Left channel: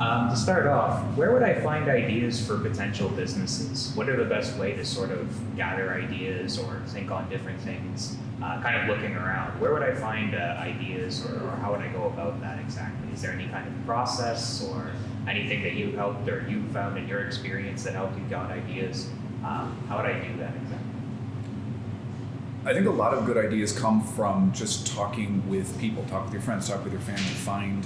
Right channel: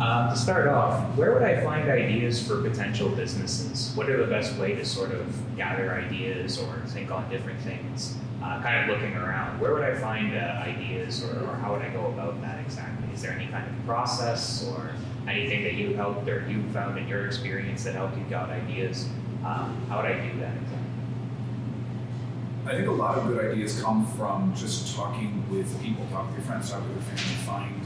To start off, where would I find ideas for potential businesses? What are the best way to sort of gather ideas or think on different things? Kind of looking around, where would I find ideas or how would I go about that exactly? Is there any kind of process or anything that you helped or you found in your experience that helped you get ideas? How would I do that exactly? I think a lot of good ideas come from just talking with people, talk with your friends, talk with your family,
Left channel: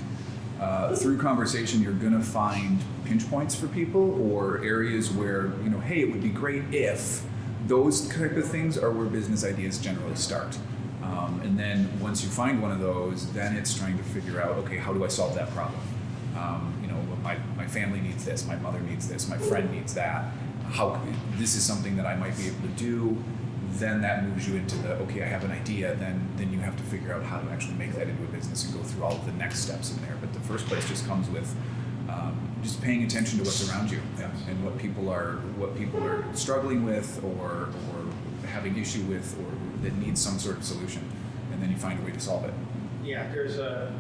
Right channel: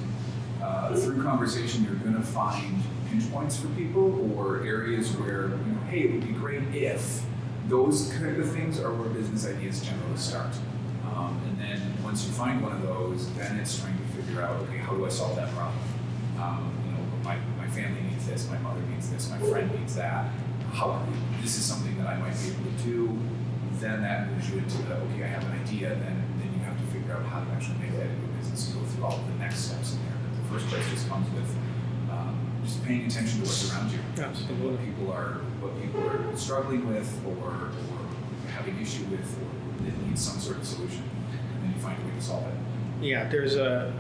through conversation, you're going to find pinch points for people or areas where, hey, it would be great if. Those kind of things are where business ideas generally start. And then once you find one of those, then it's trying to figure out, okay, how do I solve that problem? My family needs this, my mother needs this, my friend needs that. This is something that I might be able to do. Then that moves you into okay, I have an idea, then you have to figure out how to actually make that into a business and go through all of the next steps in there. But the first place just comes with just paying attention to what's around you and what people are struggling with or having issue with or that needs some sort of solution, and then you find a way to solve it. Yeah, there's a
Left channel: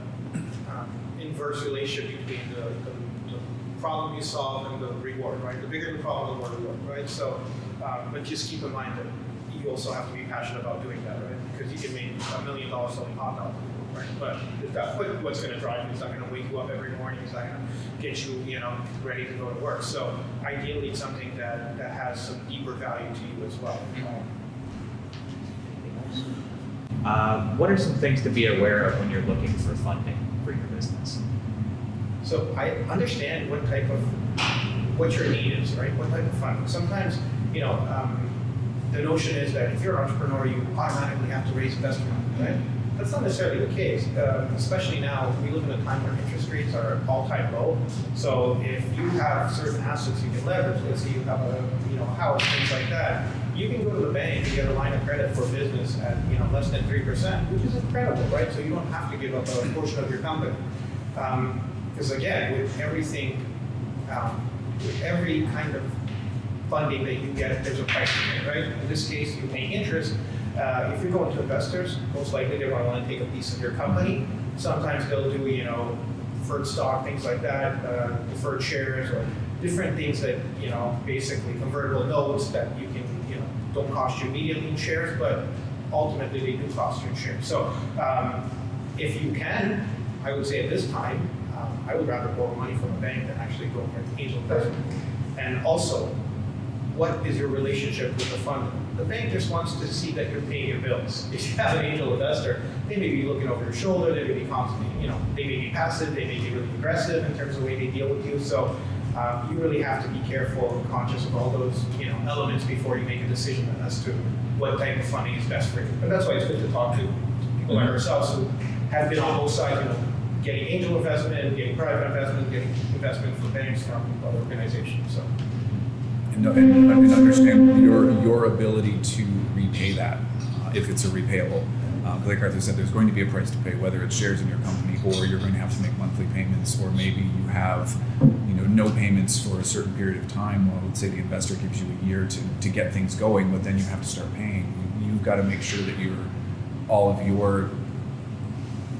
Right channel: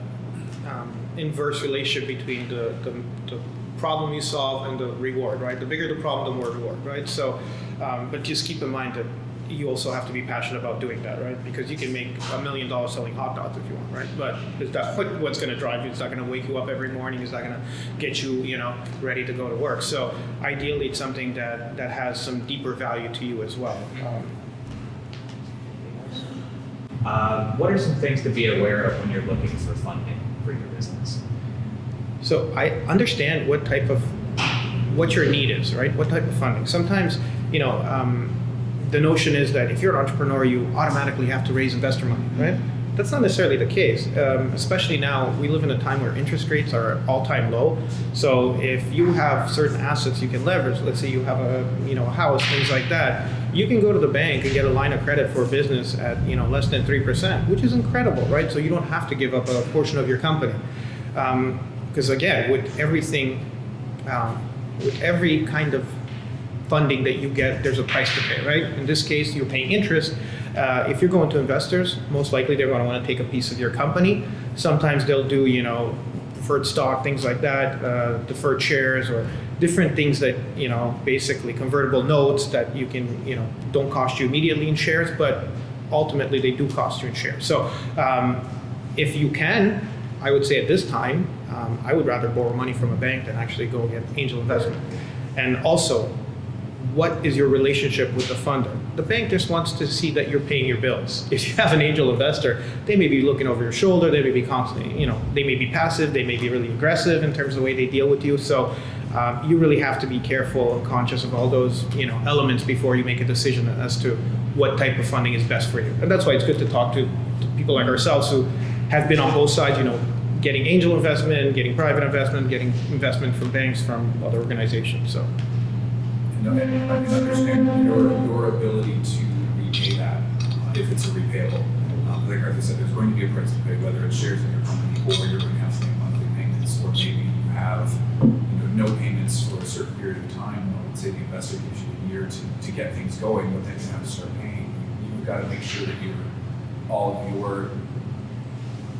inverse relationship between the problem you solve and the reward, right? The bigger the problem, the more reward, right? So, but just keep in mind that you also have to be passionate about doing that, right? Because you can make $1 million selling hot dogs if you want, right? But is that what's going to drive you? It's not going to wake you up every morning. It's not going to get you, ready to go to work. So ideally, it's something that has some deeper value to you as well. What are some things to be aware of when you're looking for funding for your business? So I understand what your need is, right? What type of funding? Sometimes, the notion is that if you're an entrepreneur, you automatically have to raise investor money, right? That's not necessarily the case. Especially now, we live in a time where interest rates are all-time low. So if you have certain assets you can leverage, let's say you have a house, things like that, you can go to the bank and get a line of credit for business at less than 3%, which is incredible, right? So you don't have to give up a portion of your company. Because again, with everything, with every kind of funding that you get, there's a price to pay, right? In this case, you're paying interest. If you're going to investors, most likely they're going to want to take a piece of your company. Sometimes they'll do, preferred stock, things like that, deferred shares, or different things that, basically convertible notes that you can, don't cost you immediately in shares, but ultimately they do cost you in shares. So if you can, I would say at this time, I would rather borrow money from a bank than actually go get angel investment. And also, what is your relationship with the funder? The bank just wants to see that you're paying your bills. If you have an angel investor, they may be looking over your shoulder, they may be constantly, they may be passive, they may be really aggressive in terms of the way they deal with you. So you really have to be careful and conscious of all those, elements before you make a decision as to what type of funding is best for you. And that's why it's good to talk to people like ourselves who have been on both sides, getting angel investment, getting private investment, getting investment from banks, from other organizations. So. And understand your ability to repay that if it's a repayable. Like Arthur said, there's going to be a price to pay, whether it's shares in your company or you're going to have to make monthly payments, or maybe you have no payments for a certain period of time. Well, let's say the investor gives you a year to get things going, but then you have to start paying. You've got to make sure that all of your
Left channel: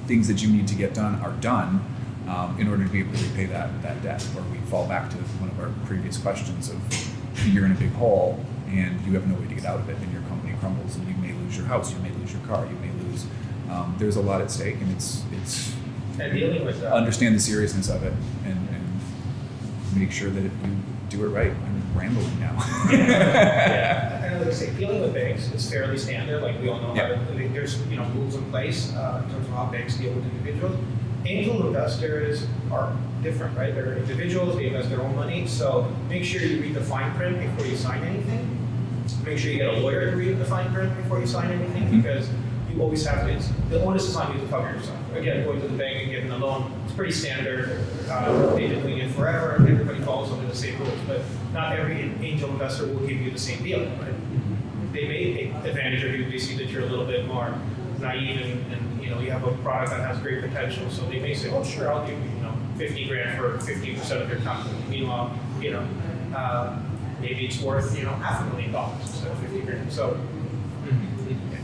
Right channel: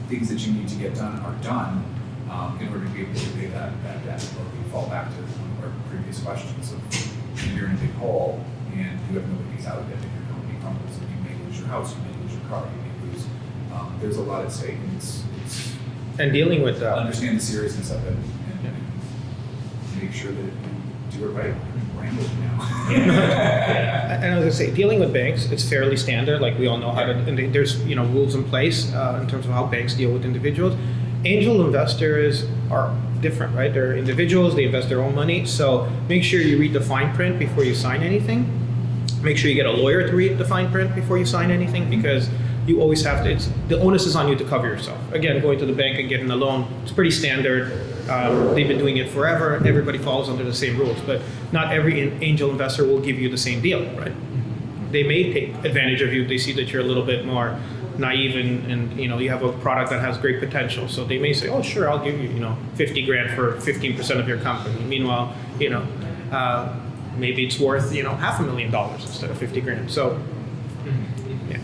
things that you need to get done are done in order to be able to repay that debt. Or we fall back to one of our previous questions of you're in a big hole and you have no way to get out of it, and your company crumbles, and you may lose your house, you may lose your car, you may lose. There's a lot at stake, and it's and dealing with that. Understand the seriousness of it, and make sure that you do it right. I'm rambling now. Yeah. And I was gonna say, dealing with banks, it's fairly standard. Like we all know how to. And there's rules in place in terms of how banks deal with individuals. Angel investors are different, right? They're individuals, they invest their own money. So make sure you read the fine print before you sign anything. Make sure you get a lawyer to read the fine print before you sign anything, because you always have to, the onus is on you to cover yourself. Again, going to the bank and getting a loan, it's pretty standard. They've been doing it forever, and everybody follows under the same rules. But not every angel investor will give you the same deal, right? They may take advantage of you. They see that you're a little bit more naive and you have a product that has great potential. So they may say, oh, sure, I'll give you, $50,000 for 15% of your company. Meanwhile, maybe it's worth, $500,000 instead of $50,000. So, yeah.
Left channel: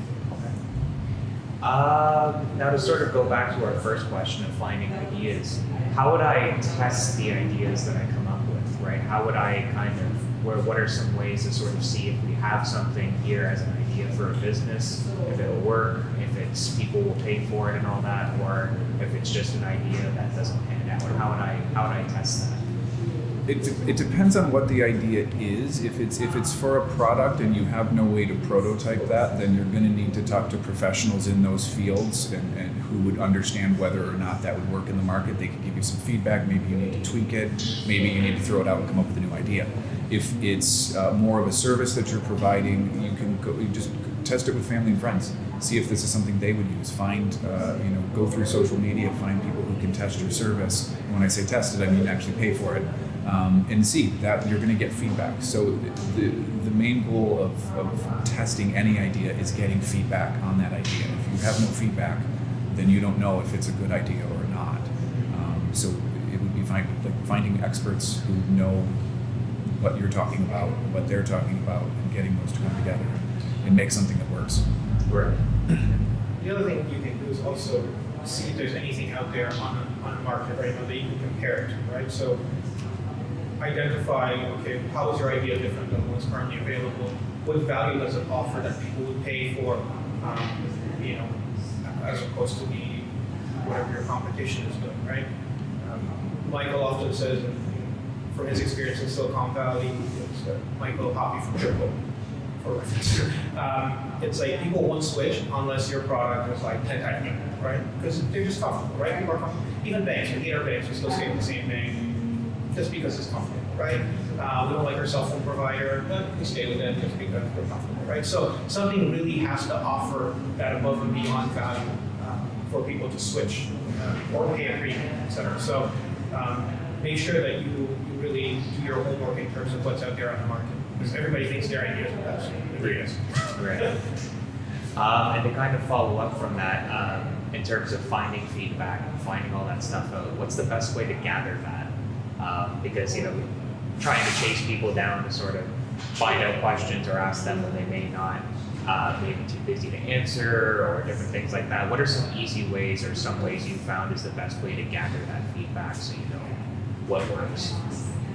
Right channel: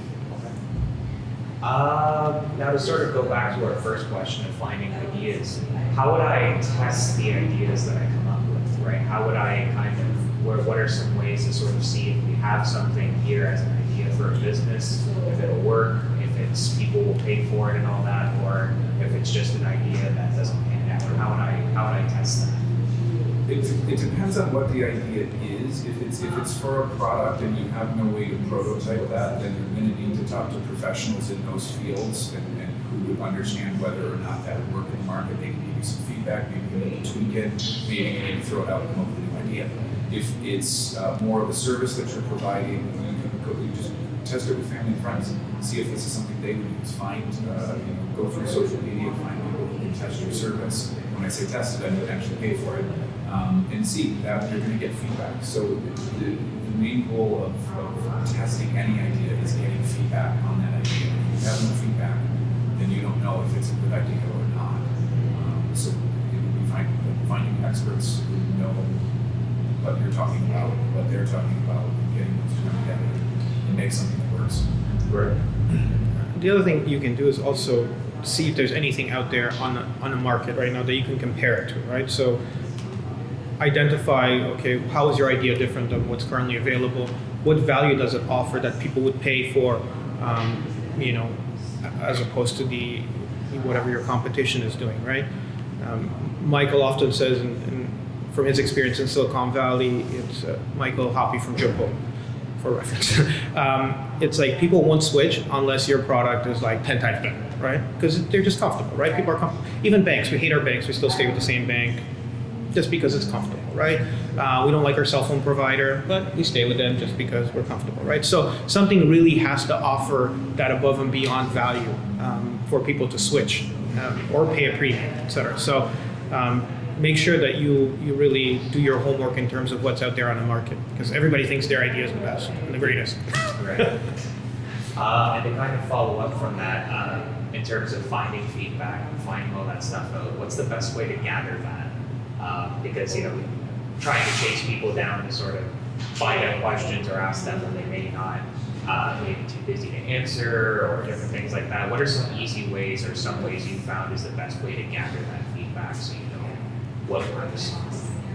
Now to sort of go back to our first question of finding ideas, how would I test the ideas that I come up with, right? How would I kind of, what are some ways to sort of see if we have something here as an idea for a business, if it'll work, if it's people will pay for it and all that, or if it's just an idea that doesn't pan out, or how would I test that? It depends on what the idea is. If it's for a product and you have no way to prototype that, then you're going to need to talk to professionals in those fields and who would understand whether or not that would work in the market. They can give you some feedback. Maybe you need to tweak it. Maybe you need to throw it out and come up with a new idea. If it's more of a service that you're providing, you just test it with family and friends. See if this is something they would use. Go through social media, find people who can test your service. When I say test it, I mean actually pay for it. And see that you're going to get feedback. So the main goal of testing any idea is getting feedback on that idea. If you have no feedback, then you don't know if it's a good idea or not. So it would be finding experts who know what you're talking about, what they're talking about, and getting those two together and make something that works. Right. The other thing you can do is also see if there's anything out there on the market right now that you can compare it to, right? So identify, okay, how is your idea different than what's currently available? What value does it offer that people would pay for, as opposed to whatever your competition is doing, right? Michael often says, from his experience in Silicon Valley, it's Michael Hoppy from Triple, for reference. It's like people won't switch unless your product is like 10 times better, right? Because they're just comfortable, right? People are comfortable. Even banks, we hate our banks, we still stay with the same bank just because it's comfortable, right? We don't like our cell phone provider, but we stay with them just because we're comfortable, right? So something really has to offer that above and beyond value for people to switch or pay a premium, et cetera. So make sure that you really do your homework in terms of what's out there on the market, because everybody thinks their idea is the best and the greatest. Right. And to kind of follow up from that, in terms of finding feedback, finding all that stuff out, what's the best way to gather that? Because trying to chase people down to sort of find out questions or ask them when they may not, maybe too busy to answer or different things like that. What are some easy ways or some ways you found is the best way to gather that feedback so you know what works?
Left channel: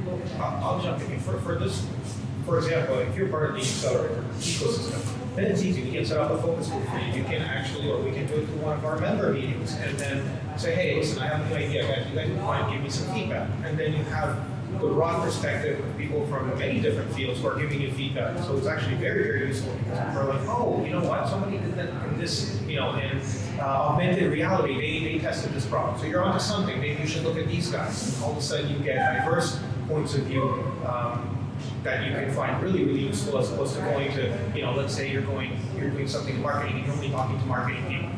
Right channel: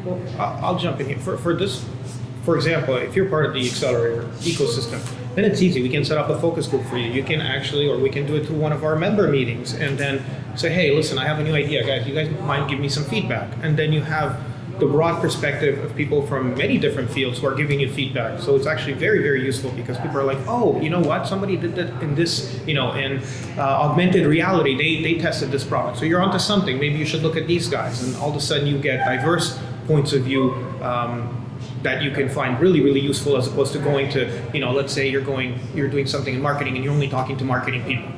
Well, I'll jump in here. For example, if you're part of the Accelerator ecosystem, then it's easy. We can set up a focus group for you. You can actually, or we can do it through one of our member meetings and then say, hey, listen, I have a new idea, guys. You guys mind give me some feedback? And then you have the broad perspective of people from many different fields who are giving you feedback. So it's actually very, very useful because people are like, oh, you know what? Somebody did that in this, in augmented reality. They tested this product. So you're onto something. Maybe you should look at these guys. And all of a sudden you get diverse points of view that you can find really, really useful as opposed to going to, let's say you're doing something in marketing and you're only talking to marketing people.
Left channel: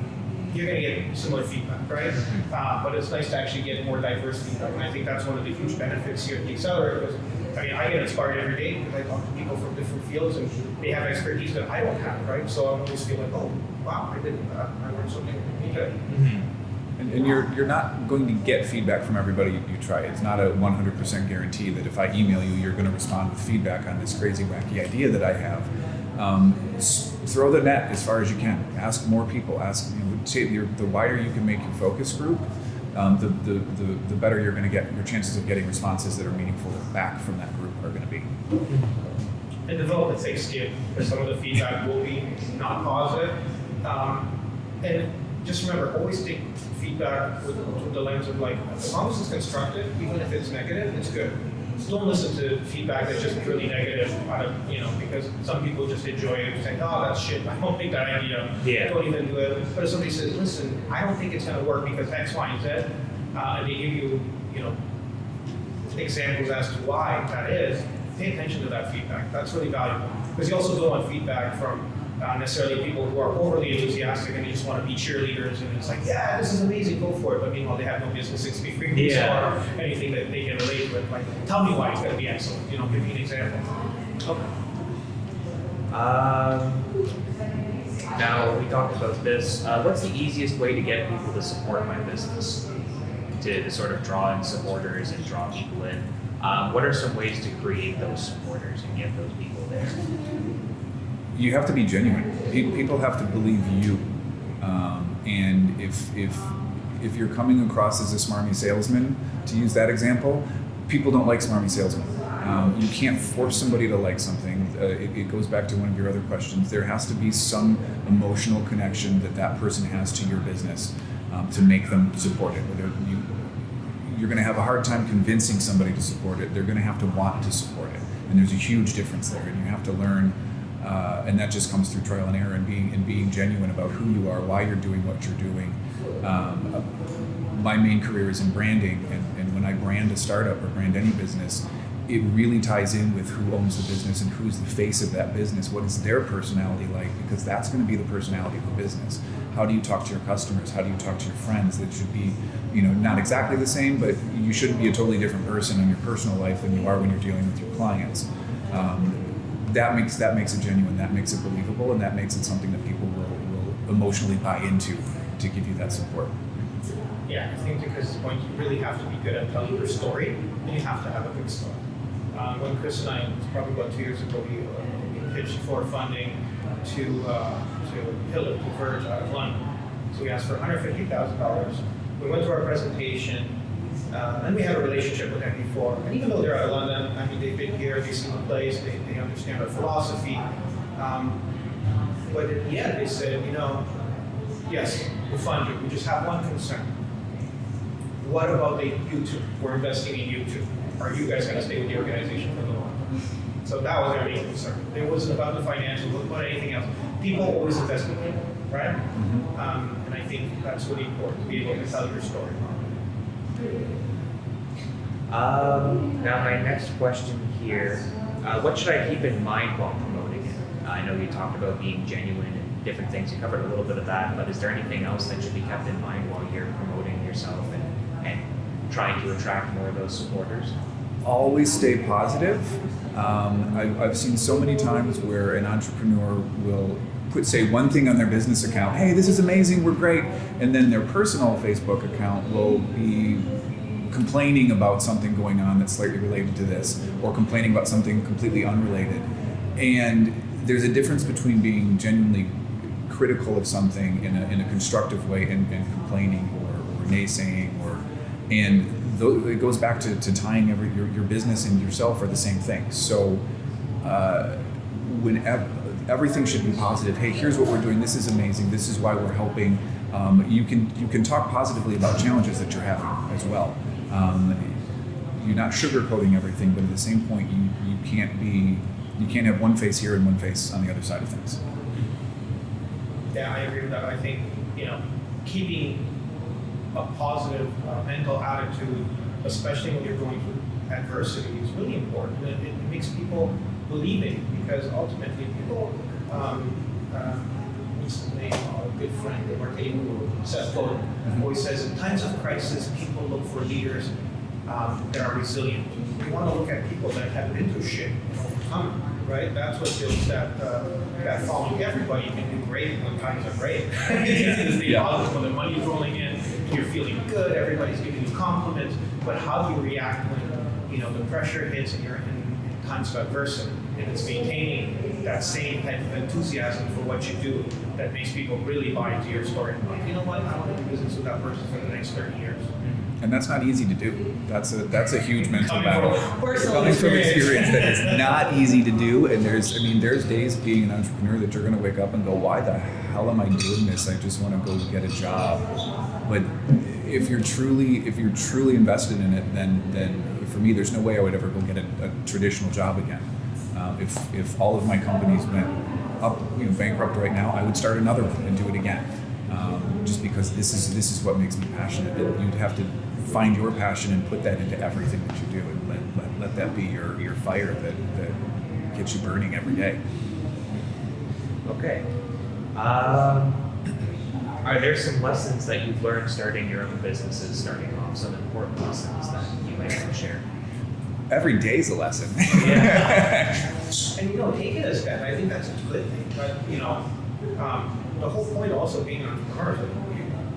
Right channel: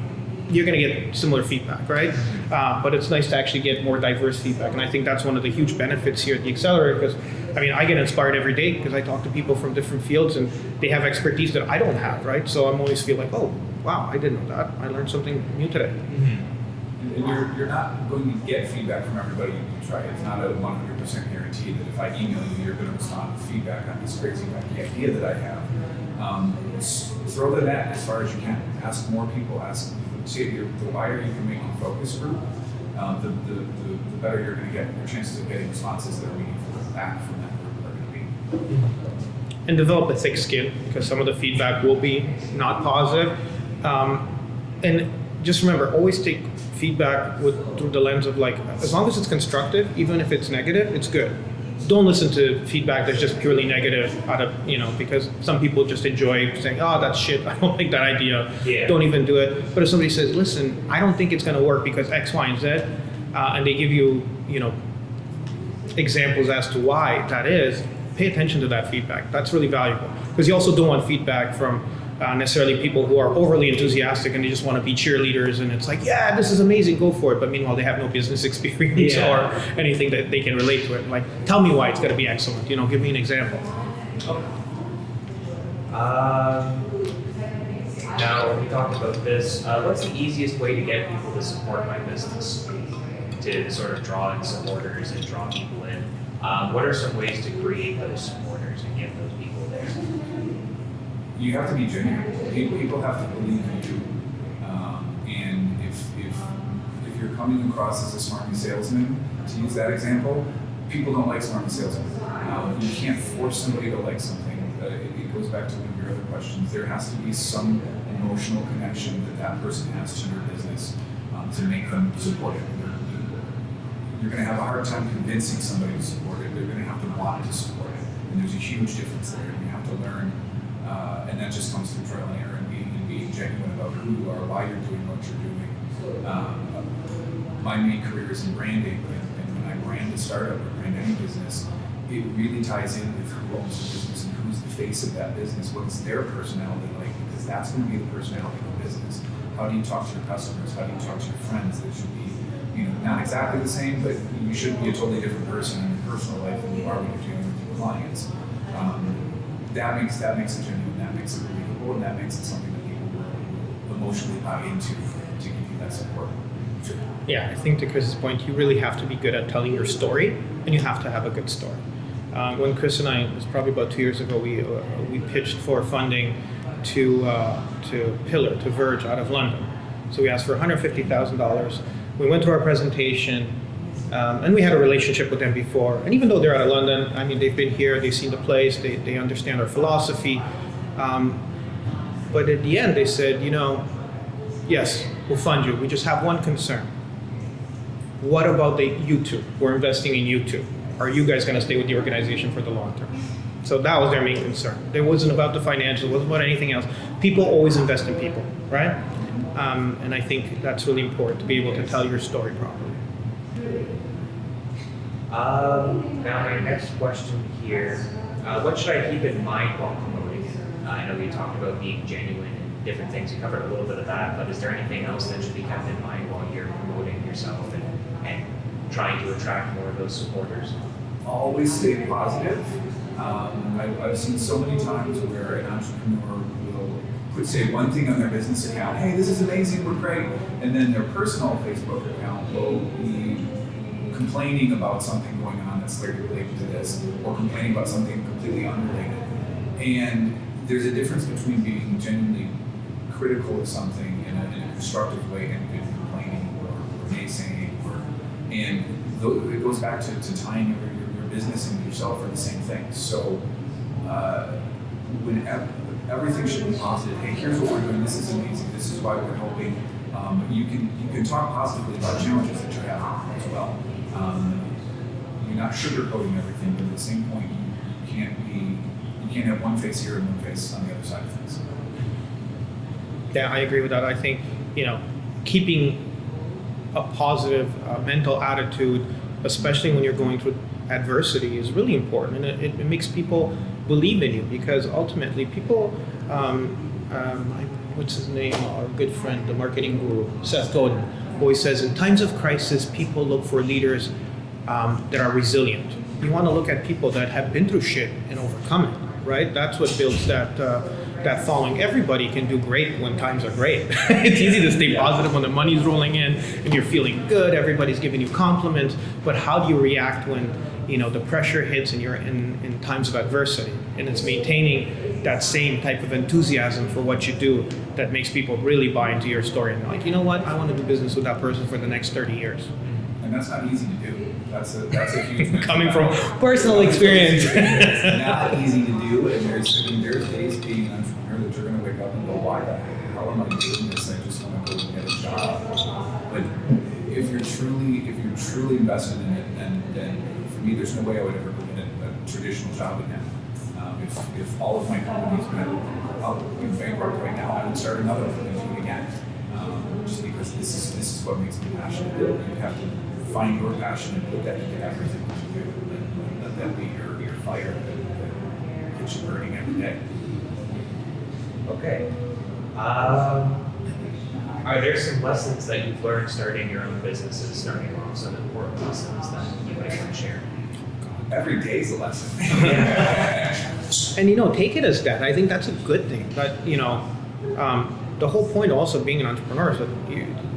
You're going to get similar feedback, right? But it's nice to actually get more diverse feedback. And I think that's one of the huge benefits here at the Accelerator because, I get inspired every day because I talk to people from different fields and they have expertise that I don't have, right? So I'm always feel like, oh, wow, I didn't know that. I learned something new today. Mm-hmm. And you're not going to get feedback from everybody you try. It's not a 100% guarantee that if I email you, you're going to respond with feedback on this crazy, wacky idea that I have. Throw the net as far as you can. Ask more people. The wider you can make your focus group, the better you're going to get. Your chances of getting responses that are meaningful back from that group are going to be. And develop a thick skin because some of the feedback will be not positive. And just remember, always take feedback through the lens of as long as it's constructive, even if it's negative, it's good. Don't listen to feedback that's just purely negative because some people just enjoy saying, oh, that's shit, I don't like that idea, Don't even do it. But if somebody says, listen, I don't think it's going to work because X, Y, and Z, and they give you, examples as to why that is, pay attention to that feedback. That's really valuable. Because you also don't want feedback from necessarily people who are overly enthusiastic and they just want to be cheerleaders and it's like, yeah, this is amazing, go for it. But meanwhile, they have no business experience or anything that they can relate to it. Like, tell me why it's going to be excellent. Give me an example. Okay. Now, we talked about this. What's the easiest way to get people to support my business? To sort of draw in supporters and draw people in. What are some ways to create those supporters and get those people there? You have to be genuine. People have to believe you. And if you're coming across as a smarmy salesman, to use that example, people don't like smarmy salesmen. You can't force somebody to like something. It goes back to one of your other questions. There has to be some emotional connection that person has to your business to make them support it. You're going to have a hard time convincing somebody to support it. They're going to have to want to support it. And there's a huge difference there. You have to learn, and that just comes through trial and error and being genuine about who you are, why you're doing what you're doing. My main career is in branding, and when I brand a startup or brand any business, it really ties in with who owns the business and who's the face of that business. What is their personality like? Because that's going to be the personality of the business. How do you talk to your customers? How do you talk to your friends? It should be, not exactly the same, but you should be a totally different person in your personal life than you are when you're dealing with your clients. That makes it genuine. That makes it believable, and that makes it something that people will emotionally buy into to give you that support. Yeah, I think to Chris's point, you really have to be good at telling your story, and you have to have a good story. When Chris and I, it was probably about 2 years ago, we pitched for funding to Pillar, to Verge out of London. So we asked for $150,000. We went to our presentation, and we had a relationship with them before. And even though they're out of London, I mean, they've been here, they've seen the place, they understand our philosophy. But at the end, they said, yes, we'll fund you. We just have one concern. What about YouTube? We're investing in YouTube. Are you guys going to stay with the organization for the long term? So that was their main concern. It wasn't about the financials, it wasn't about anything else. People always invest in people, right? And I think that's really important, to be able to tell your story properly. Now my next question here, what should I keep in mind while promoting it? I know you talked about being genuine and different things. You covered a little bit of that, but is there anything else that should be kept in mind while you're promoting yourself and trying to attract more of those supporters? Always stay positive. I've seen so many times where an entrepreneur will say one thing on their business account, hey, this is amazing, we're great, and then their personal Facebook account will be complaining about something going on that's slightly related to this, or complaining about something completely unrelated. And there's a difference between being genuinely critical of something in a constructive way and complaining or naysaying, and it goes back to tying your business and yourself are the same thing. So when everything should be positive. Hey, here's what we're doing. This is amazing. This is why we're helping. You can talk positively about challenges that you're having as well. You're not sugarcoating everything, but at the same point, you can't have one face here and one face on the other side of things. Yeah, I agree with that. I think keeping a positive mental attitude, especially when you're going through adversity, is really important, and it makes people believe in you, because ultimately people, what's his name, our good friend, the marketing guru, Seth Godin, always says, in times of crisis, people look for leaders that are resilient. You want to look at people that have been through shit and overcome it, right? That's what builds that following. Everybody can do great when times are great. It's easy to stay positive when the money's rolling in and you're feeling good, everybody's giving you compliments, but how do you react when the pressure hits and you're in times of adversity? And it's maintaining that same type of enthusiasm for what you do that makes people really buy into your story and like, you know what, I want to do business with that person for the next 30 years. And that's not easy to do. That's a huge mental Coming battle. from personal experience. It's not easy to do, and there's days being an entrepreneur that you're going to wake up and go, why the hell am I doing this? I just want to go get a job. But if you're truly invested in it, then for me, there's no way I would ever go get a traditional job again. If all of my companies went up, bankrupt right now, I would start another one and do it again. Just because this is what makes me passionate. You have to find your passion and put that into everything that you do, and let that be your fire that gets you burning every day. Okay. Are there some lessons that you've learned starting your own businesses, starting off, some important lessons that you might want to share? Every day's a lesson. Yeah. And take it as that. I think that's a good thing. But the whole point also being an entrepreneur is that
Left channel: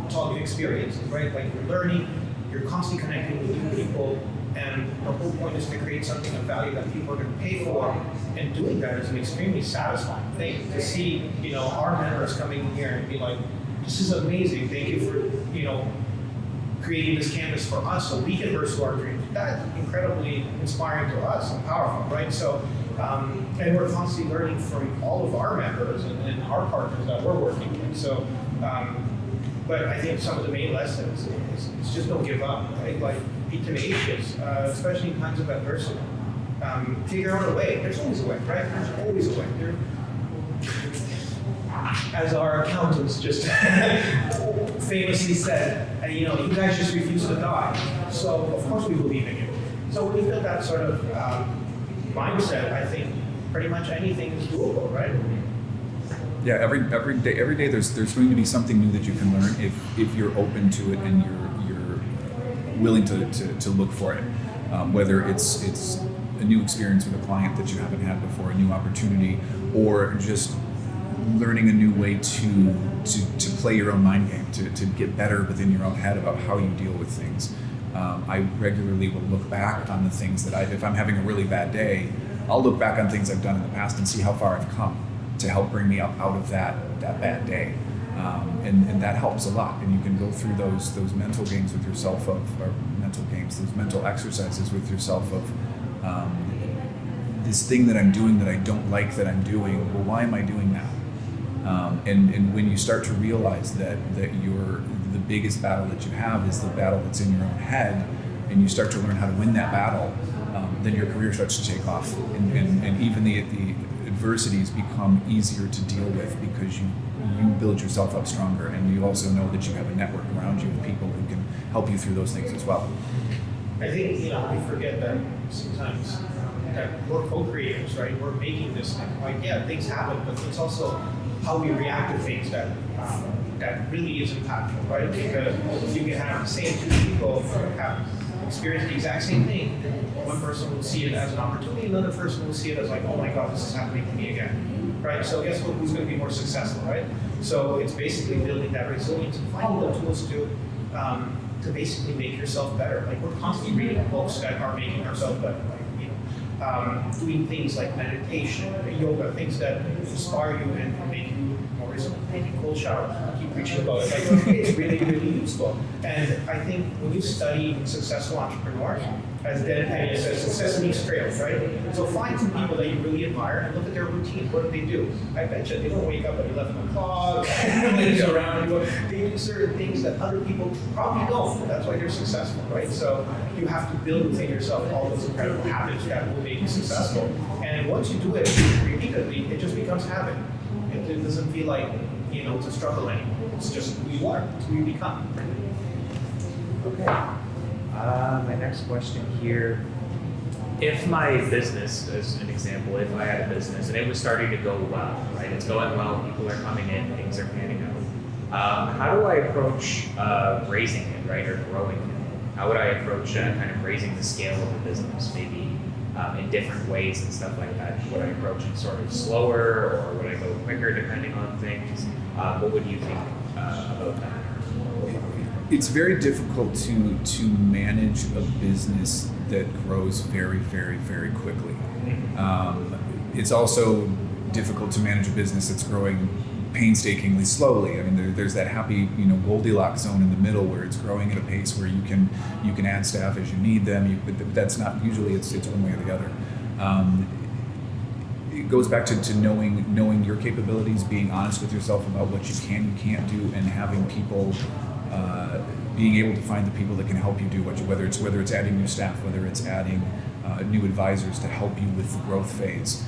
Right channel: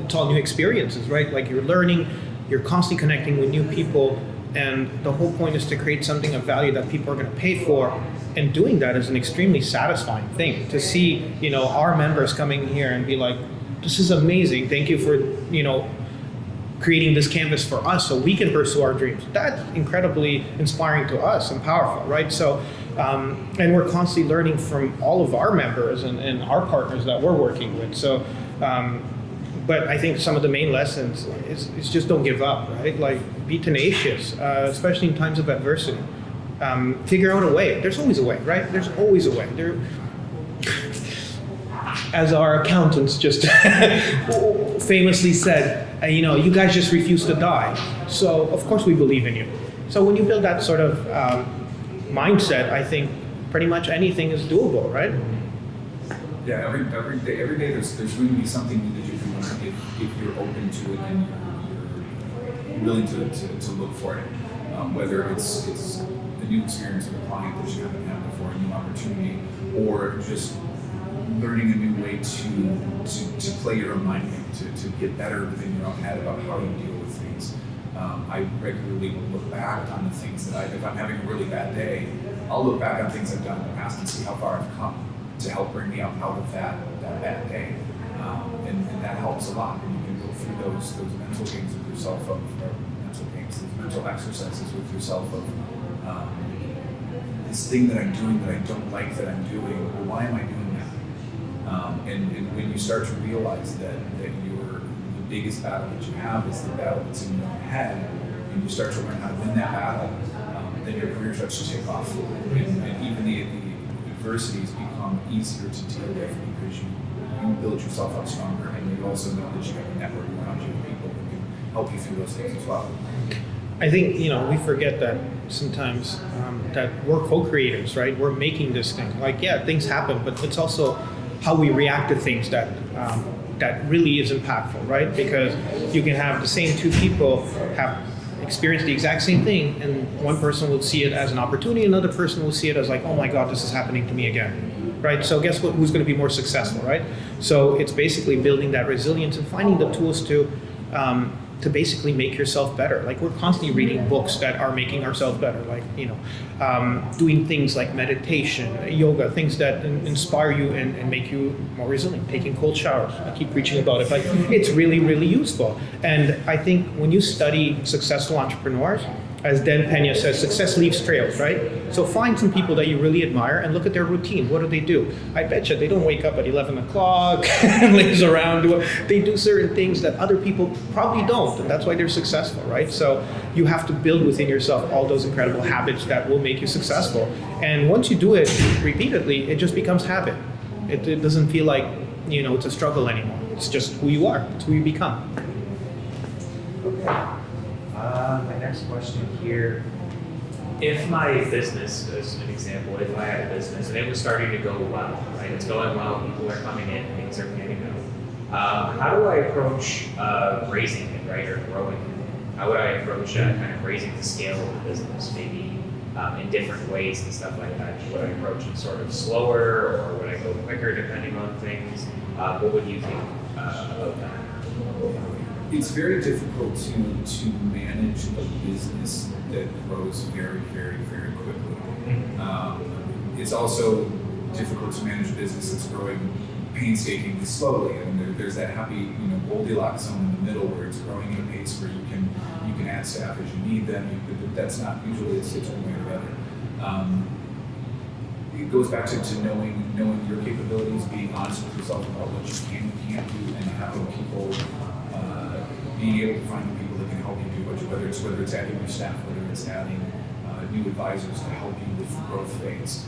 it's all new experiences, right? Like you're learning, you're constantly connecting with new people, and the whole point is to create something of value that people are going to pay for. And doing that is an extremely satisfying thing. To see, our members coming here and be like, this is amazing. Thank you for, creating this canvas for us so we can pursue our dreams. That's incredibly inspiring to us and powerful, right? So, and we're constantly learning from all of our members and our partners that we're working with. So, but I think some of the main lessons is just don't give up, right? Like, be tenacious, especially in times of adversity. Figure out a way. There's always a way, right? There's always a way. As our accountants just famously said, you guys just refuse to die. So of course we believe in you. So when you build that sort of mindset, I think pretty much anything is doable, right? Yeah, every day there's going to be something new that you can learn if you're open to it and you're willing to look for it. Whether it's a new experience with a client that you haven't had before, a new opportunity, or just learning a new way to play your own mind game, to get better within your own head about how you deal with things. I regularly will look back on the things that if I'm having a really bad day, I'll look back on things I've done in the past and see how far I've come to help bring me out of that bad day. And that helps a lot. And you can go through those mental games with yourself those mental exercises with yourself of this thing that I'm doing that I don't like that I'm doing, well, why am I doing that? And when you start to realize that the biggest battle that you have is the battle that's in your own head, and you start to learn how to win that battle, then your career starts to take off. And even the adversities become easier to deal with because you build yourself up stronger, and you also know that you have a network around you of people who can help you through those things as well. I think, we forget that sometimes that we're co-creators, right? We're making this thing. Like, yeah, things happen, but it's also how we react to things that really is impactful, right? Because you can have the same two people have experienced the exact same thing, and one person will see it as an opportunity, another person will see it as like, oh my God, this is happening to me again, right? So guess what? Who's going to be more successful, right? So it's basically building that resilience and finding the tools to basically make yourself better. Like, we're constantly reading books that are making ourselves better, like, doing things like meditation, yoga, things that inspire you and make you more resilient, taking cold showers. I keep preaching about it, but it's really, really useful. And I think when you study successful entrepreneurs, as Dan Pena says, success leaves trails, right? So find some people that you really admire and look at their routine. What do? I bet you they don't wake up at 11 o'clock and laze around. They do certain things that other people probably don't, and that's why they're successful, right? So you have to build within yourself all those incredible habits that will make you successful. And once you do it repeatedly, it just becomes habit. It doesn't feel like, it's a struggle anymore. It's just who you are. It's who you become. Okay. My next question here, if my business, as an example, if I had a business and it was starting to go well, right? It's going well, people are coming in, things are panning out. How do I approach raising it, right, or growing it? How would I approach kind of raising the scale of the business, maybe in different ways and stuff like that? Would I approach it sort of slower, or would I go quicker depending on things? What would you think about that? It's very difficult to manage a business that grows very, very, very quickly. It's also difficult to manage a business that's growing painstakingly slowly. I mean, there's that happy, Goldilocks zone in the middle where it's growing at a pace where you can add staff as you need them. But that's not usually it's one way or the other. It goes back to knowing your capabilities, being honest with yourself about what you can and can't do, and having people. Being able to find the people that can help you do whether it's adding new staff, whether it's adding new advisors to help you with the growth phase.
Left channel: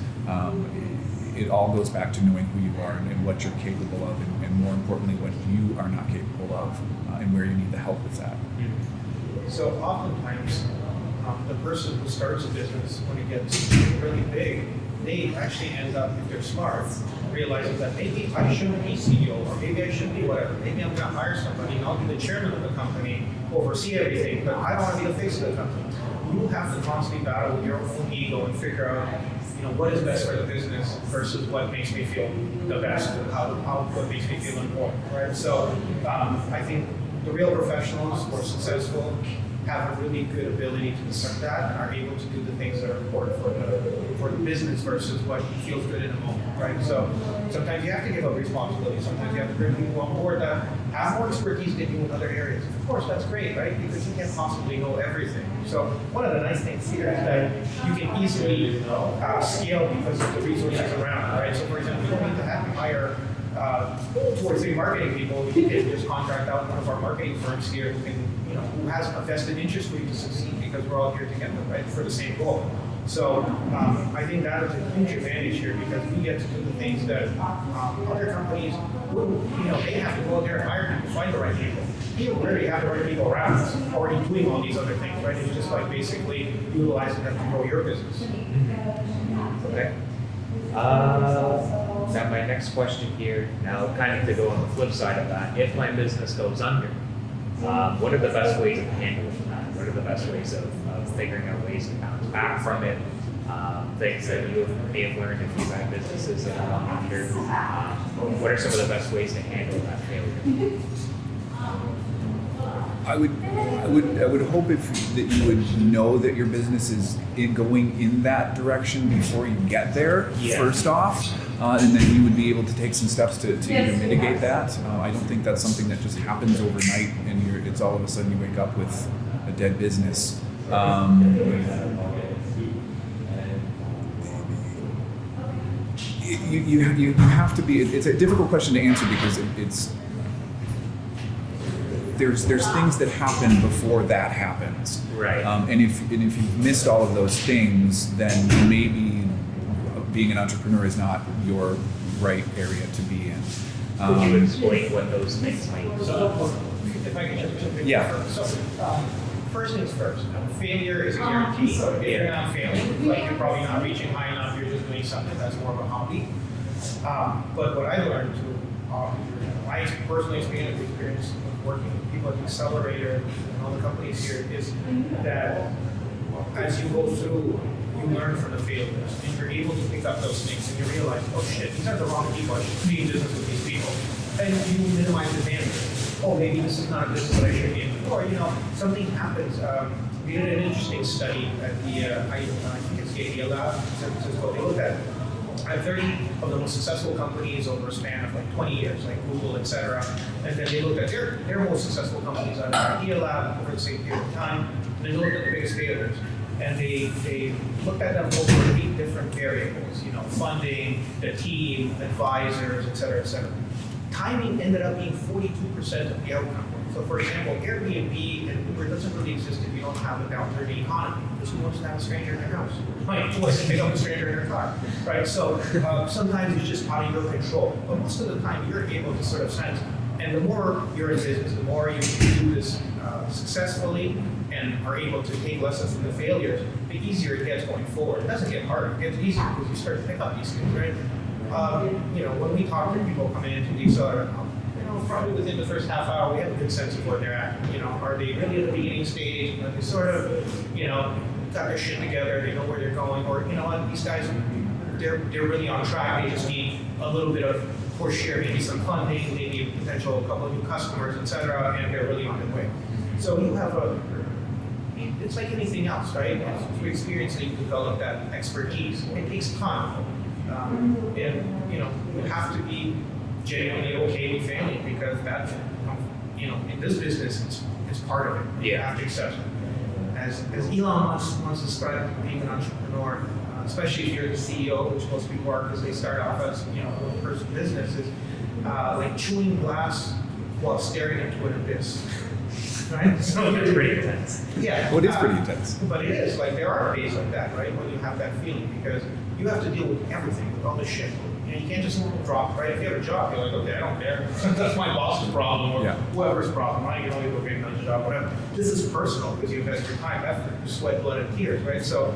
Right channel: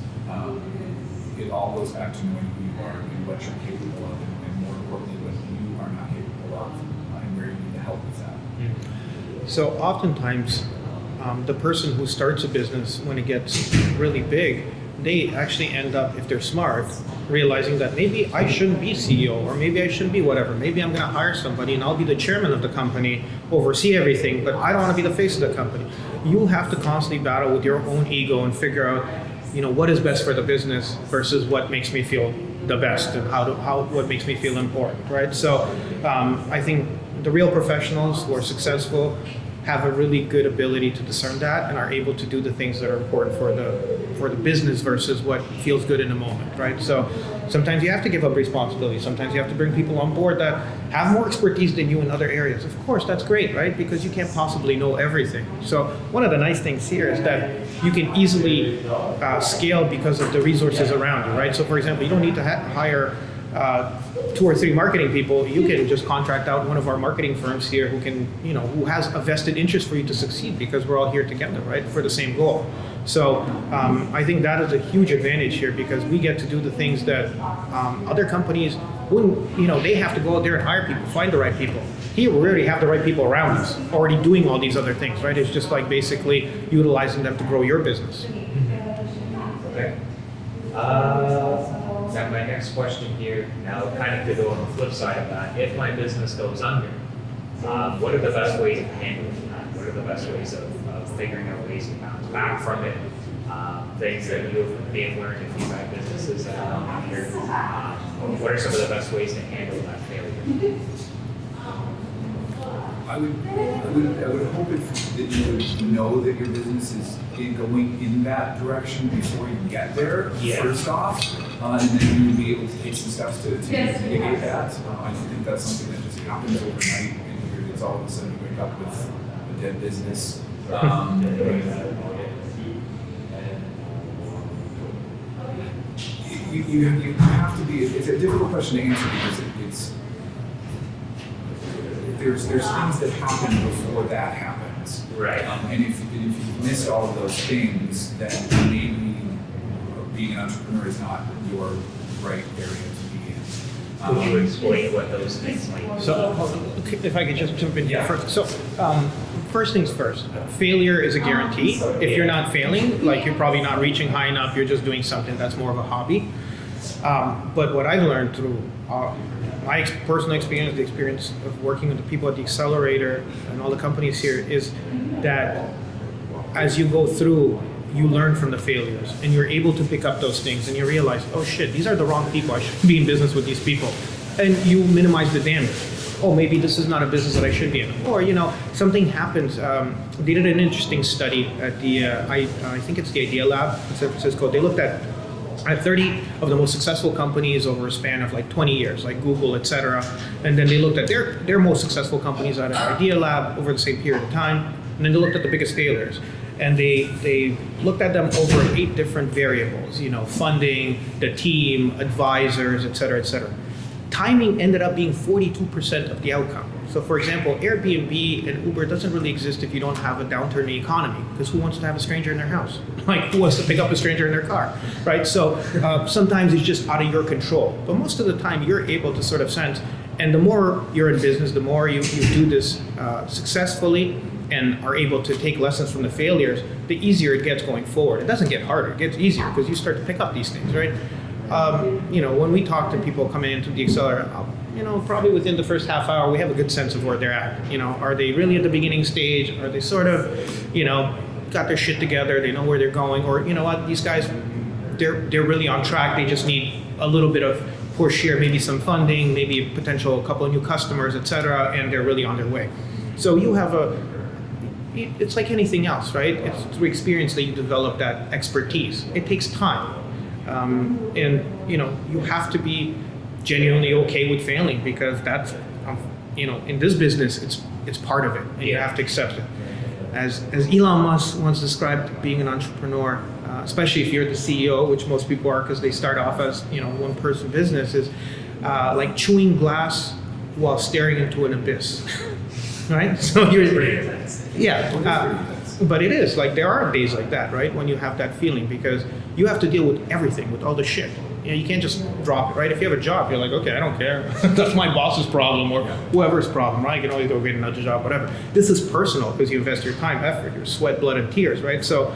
It all goes back to knowing who you are and what you're capable of, and more importantly, what you are not capable of, and where you need the help with that. So oftentimes, the person who starts a business, when it gets really big, they actually end up, if they're smart, realizing that maybe I shouldn't be CEO, or maybe I shouldn't be whatever. Maybe I'm going to hire somebody and I'll be the chairman of the company, oversee everything, but I don't want to be the face of the company. You have to constantly battle with your own ego and figure out, what is best for the business versus what makes me feel the best, and what makes me feel important, right? So I think the real professionals who are successful have a really good ability to discern that and are able to do the things that are important for the business versus what feels good in a moment, right? So sometimes you have to give up responsibility. Sometimes you have to bring people on board that have more expertise than you in other areas. Of course, that's great, right? Because you can't possibly know everything. So one of the nice things here is that you can easily scale because of the resources around you, right? So for example, you don't need to hire 2 or 3 marketing people. You can just contract out one of our marketing firms here who can, who has a vested interest for you to succeed because we're all here together, right, for the same goal. So I think that is a huge advantage here because we get to do the things that other companies wouldn't, they have to go out there and hire people, find the right people. Here we already have the right people around us, already doing all these other things, right? It's just like basically utilizing them to grow your business. Okay. Now my next question here, now kind of to go on the flip side of that, if my business goes under, what are the best ways of handling that? What are the best ways of figuring out ways to bounce back from it? Things that you may have learned if you've had businesses that have gone under. What are some of the best ways to handle that failure? I would hope that you would know that your business is going in that direction before you get there. Yeah. First off, and then you would be able to take some steps to mitigate that. I don't think that's something that just happens overnight and it's all of a sudden you wake up with a dead business. You have to be. It's a difficult question to answer because there's things that happen before that happens. Right. And if you've missed all of those things, then maybe being an entrepreneur is not your right area to be in. Could you explain what those things might be? So if I could just jump in. Yeah. So first things first, failure is a guarantee. If you're not failing, like you're probably not reaching high enough, you're just doing something that's more of a hobby. But what I've learned through my personal experience, the experience of working with the people at the Accelerator and all the companies here, is that as you go through, you learn from the failures and you're able to pick up those things and you realize, oh shit, these are the wrong people. I shouldn't be in business with these people. And you minimize the damage. Oh, maybe this is not a business that I should be in. Or, something happens. They did an interesting study at the, I think it's the Idea Lab in San Francisco. They looked at 30 of the most successful companies over a span of like 20 years, like Google, et cetera. And then they looked at their most successful companies out of Idea Lab over the same period of time. And then they looked at the biggest failures. And they looked at them over 8 different variables, funding, the team, advisors, et cetera, et cetera. Timing ended up being 42% of the outcome. So for example, Airbnb and Uber doesn't really exist if you don't have a downturn in the economy, because who wants to have a stranger in their house? Like, who wants to pick up a stranger in their car, right? So sometimes it's just out of your control. But most of the time you're able to sort of sense, and the more you're in business, the more you do this successfully and are able to take lessons from the failures, the easier it gets going forward. It doesn't get harder, it gets easier because you start to pick up these things, right? When we talk to people coming into the Accelerator, probably within the first half hour, we have a good sense of where they're at. Are they really at the beginning stage? Are they sort of, got their shit together? They know where they're going? Or, what, these guys, they're really on track. They just need a little bit of push here, maybe some funding, maybe a potential couple of new customers, et cetera, and they're really on their way. So you have it's like anything else, right? It's through experience that you develop that expertise. It takes time. And you have to be genuinely okay with failing, because that's in this business it's part of it, and you have to accept it. As Elon Musk once described being an entrepreneur, especially if you're the CEO, which most people are because they start off as one person business, is like chewing glass while staring into an abyss. Right? So you're pretty intense. Yeah, it is pretty intense. But it is, like, there are days like that, right? When you have that feeling, because you have to deal with everything, with all the shit. You can't just drop it, right? If you have a job, you're like, okay, I don't care. That's my boss's problem or whoever's problem, right? You can always go get another job, whatever. This is personal because you invest your time, effort, your sweat, blood, and tears, right? So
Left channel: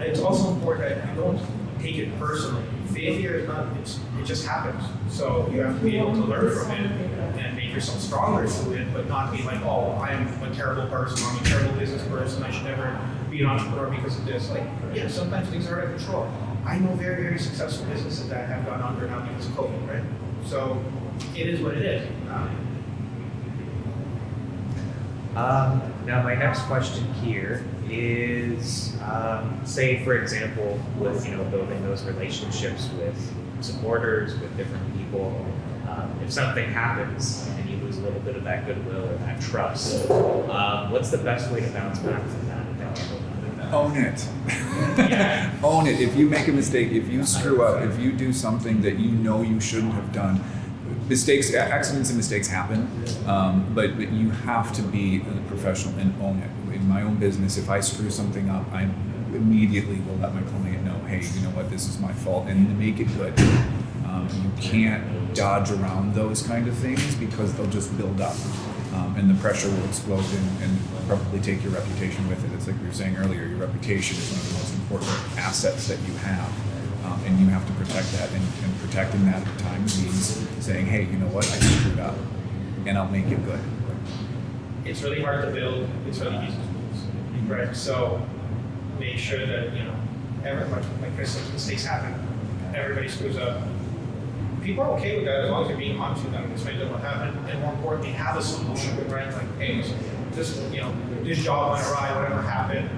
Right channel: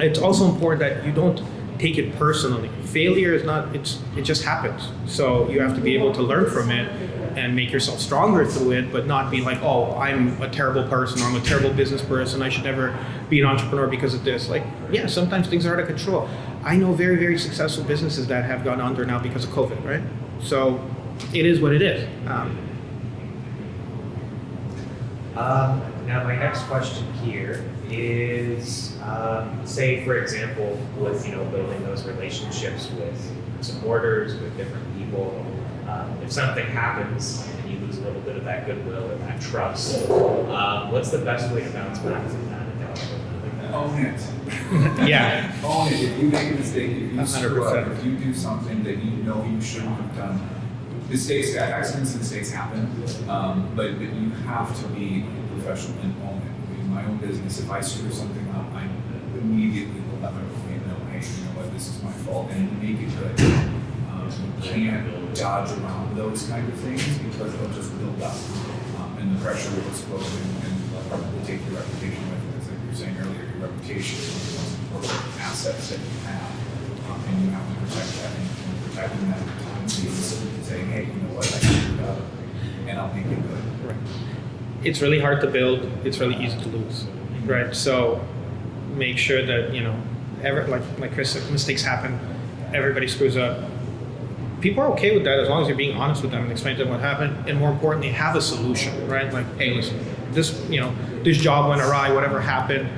it's also important that you don't take it personally. Failure is not, it just happens. So you have to be able to learn from it and make yourself stronger through it, but not be like, oh, I'm a terrible person, or I'm a terrible business person, I should never be an entrepreneur because of this. Like, yeah, sometimes things are out of control. I know very, very successful businesses that have gone under now because of COVID, right? So it is what it is. Now, my next question here is, say, for example, with building those relationships with supporters, with different people. If something happens and you lose a little bit of that goodwill or that trust, what's the best way to bounce back from that? Own it. Yeah. Own it. If you make a mistake, if you screw up, 100%. if you do something that you know you shouldn't have done, accidents and mistakes happen, but you have to be a professional and own it. In my own business, if I screw something up, I immediately will let my client know, hey, you know what, this is my fault, and make it good. You can't dodge around those kind of things because they'll just build up. And the pressure will explode and probably take your reputation with it. It's like you were saying earlier, your reputation is one of the most important assets that you have. And you have to protect that. And protecting that at times means saying, hey, you know what, I screwed up and I'll make it good. It's really hard to build, it's really easy to lose, right? So make sure that, like Chris said, mistakes happen, everybody screws up. People are okay with that as long as you're being honest with them and explain to them what happened, and more importantly, have a solution, right? Like, hey, listen, this job went awry, whatever happened,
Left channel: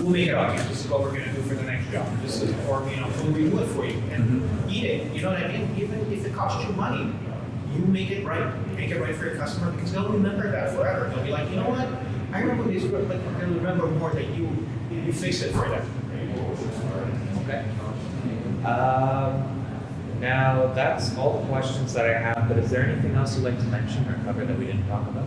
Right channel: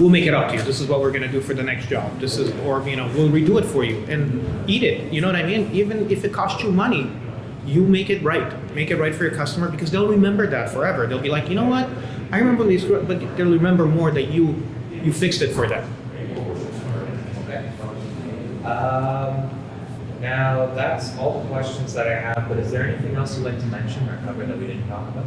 we'll make it up to you. This is what we're gonna do for the next job. We'll redo it for you and eat it. You know what I mean? Even if it costs you money, you make it right. Make it right for your customer because they'll remember that forever. They'll be like, you know what? I remember these, but they'll remember more that you fixed it for them. Okay. Now, that's all the questions that I have, but is there anything else you'd like to mention or cover that we didn't talk about?